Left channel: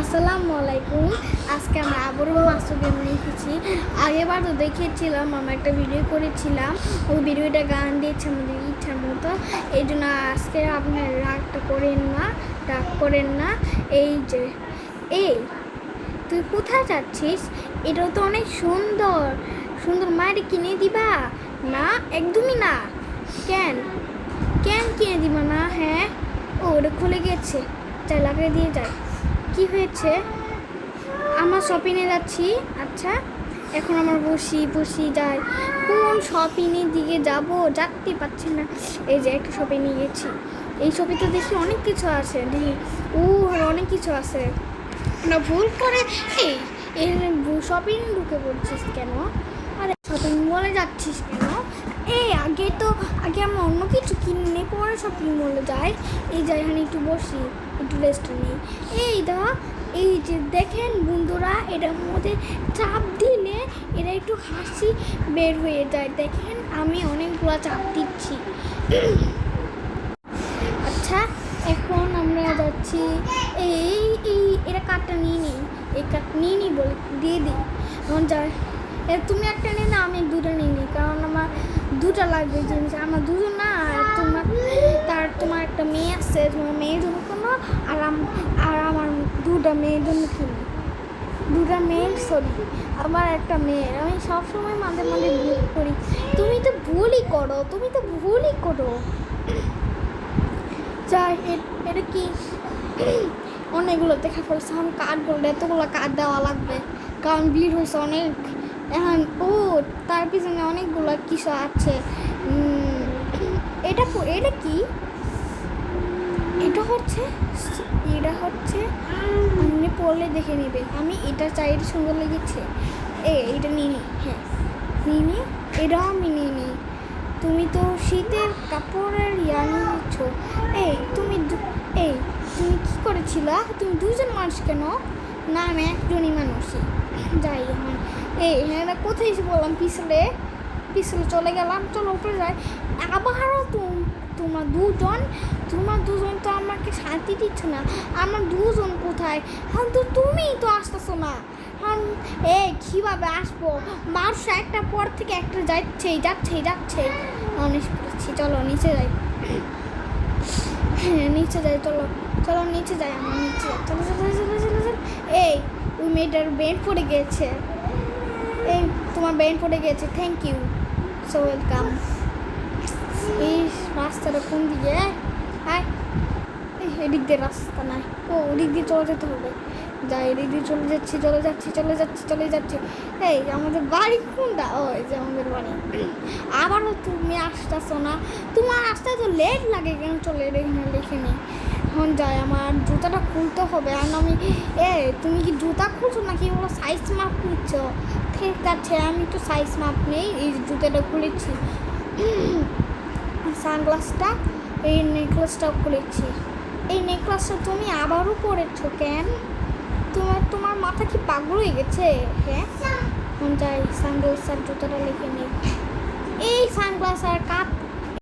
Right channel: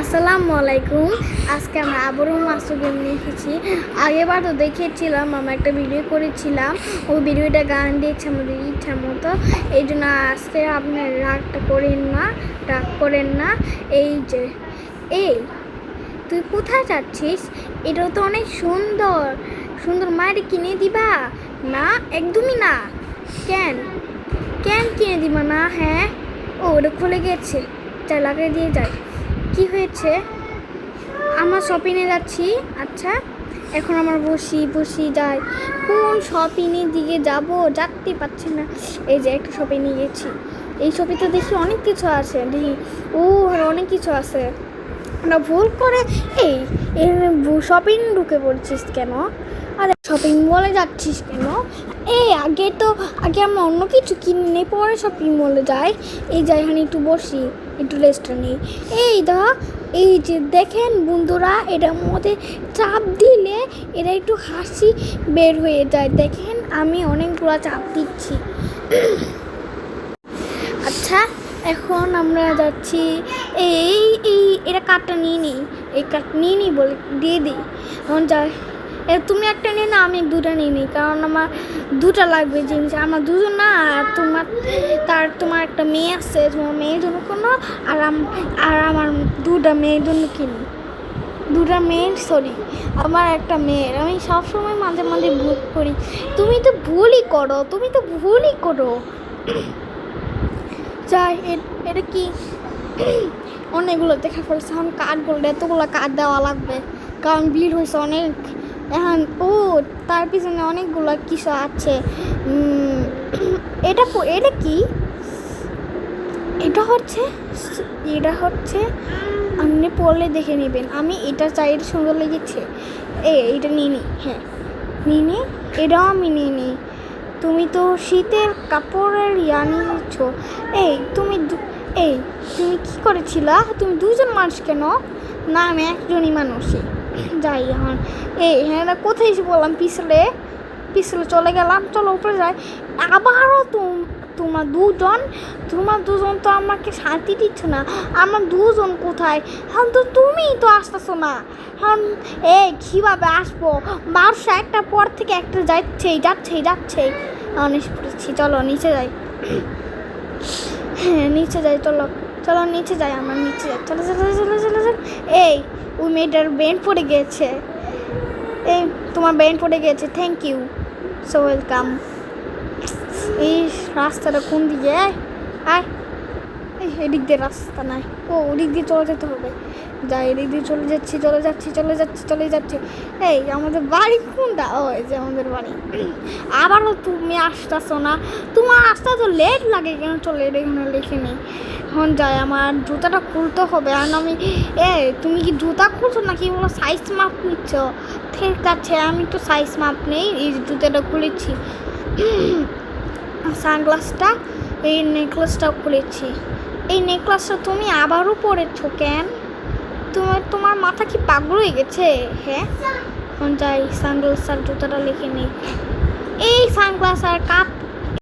আসসালামু আলাইকুম। আজকে আমরা আবারও মাস্টার গেম নিয়ে এসেছি। আগেবার তো দেখিয়েছিলাম, আমরা একটা ভিডিও করেছিলাম, ওই ভিডিওটা গান দিয়েছে আমাদের ইচ্ছার মতো। এই জন্য আজকে আপনার রাগ করেন না। এই যে তুই কোথায় যাচ্ছিস? এটা তো অনেক সুন্দর সুন্দর, মায়ের কিনে দিবা? না, একদমই না। কেন কেন কিনে দিবা না? হ্যাঁ, ওটা খুলে গেছে, চাই লাগিয়ে দিয়ে যায়। কি হয়েছে? আমার শপিংয়ে যাচ্ছি। আচ্ছা, এখন আমার বসি যাই। কোন শপিংয়ের দিকে যাতে পারছি না। এই যে একটা শপিংয়ে গেছি, এই শপিংটা দেখি অনেক কিছু আছে, দেখি আর অনেক কিছু আছে না। ভুল করে এই শপিং ঢুকে পড়ছিস কেন? আর শপিং মলে যাচ্ছিস কেন? আগে আমরা অন্য কিছু কিনে পরে শপিং মলে যাই। এই যাই, এখানে একটু বসি, একটু রেস্ট নিই। এই যে দেখেন বন্ধুরা, এটার মধ্যে চাপ দিলে এটা একটু হাসি বের হয়ে যায়। দেখেন আমি অনেকগুলো চাপ দিচ্ছি। আচ্ছা, এখন আমরা যাচ্ছি। এই এটা কার্ডটা নিয়ে নিই, এই কার্ড নিয়ে নিই বলে দিয়ে দিই। এখন যাই, তুমি একটা নিয়ে না, আমি দুটা নিয়ে নিই, কারণ আমার দুটা লাগবে জিনিস। আমার দুজন না, তোমার একটা মেয়ে আছে, তোমার মেয়ের জন্য কোনো, আর আমার দুটা মেয়ের জন্য কিনি। আমার একটা মেয়ের। আমি সবসময় মাঝে মাঝে ভুল করি। তুমি তো ভুলই করো। যাই, এটা কি অনেকগুলো দেখে ফেলছে। এখন কার্ড বললে এতগুলো কার্ড দেওয়া লাগবে, কারণ ভিড় হয়েছে অনেক। এখন তার পিছনে অনেকগুলো কিছু আছে। এটা কি? এটা হচ্ছে আপনি পড়লে দেখে নেবেন। আমি এটা চাই, এটা সুন্দর লেগেছে। এইটা নিয়ে নিই। হ্যাঁ, নিয়ে নিই। এটাও আমি নিয়ে নিই। তুমি তো শীতের কাপড়ের নিচ্ছ। তুমি কি করেছিলা? তুমি দুজন মানুষ কেন? না, আমি একজনই মানুষই। যাই এখন। হ্যাঁ, কোথায় এসে বললাম? পিছলে চলে গেলাম। চলো উপরে যাই। আবারও তোমার দুজন তো আমাকে শান্তি দিচ্ছ না। আমার দুজন কোথায়? এখন তো তুমিই তো আসতেছো না। এখন কীভাবে আসবো? 12:01 পর থেকে একটা যাচ্ছেই। অনেক পড়েছি, চলো নিচে যাই। হ্যাঁ, নিচে যাই, চলো নিচে যাই। আমার নিচে যাই, চলো। ওই মেয়েটার ব্রেন পড়ে গিয়েছে। তোমার ব্রেন পড়ে গিয়েছে। Thank you, so welcome. এই রাস্তাটা কোন দিকে? এদিক দিয়ে রাস্তা নাই। ওদিক দিয়ে চলে যেতে হবে। যাই, এদিক দিয়ে চলে যাচ্ছি। আমাদের বাড়ি কোনটা? এই যে আমাদের বাড়ি। আবারও তুমি আসতেছো না। তোমার আসতে তো লেট লাগে কেন? চলে এখানে লিখে নিই। এখন যাই, আমার জুতাটা খুলতে হবে। আর আমি তুমি কি জুতা খুলছো নাকি বলো সাইজ মাপ নিচ্ছ? ঠিক আছে, আমি তো সাইজ মাপ নেই, এই জুতাটা খুলেছি। সানগ্লাসটা, এই নেকলেসটাও খুলেছি। এই নেকলেসটা তুমি আবারও পরেছো কেন? তোমার মাথা কি পাগল হয়ে গেছে? হ্যাঁ, যাই, সানগ্লাস আর জুতাটা লিখে নিই। এই সানগ্লাস আর কাপ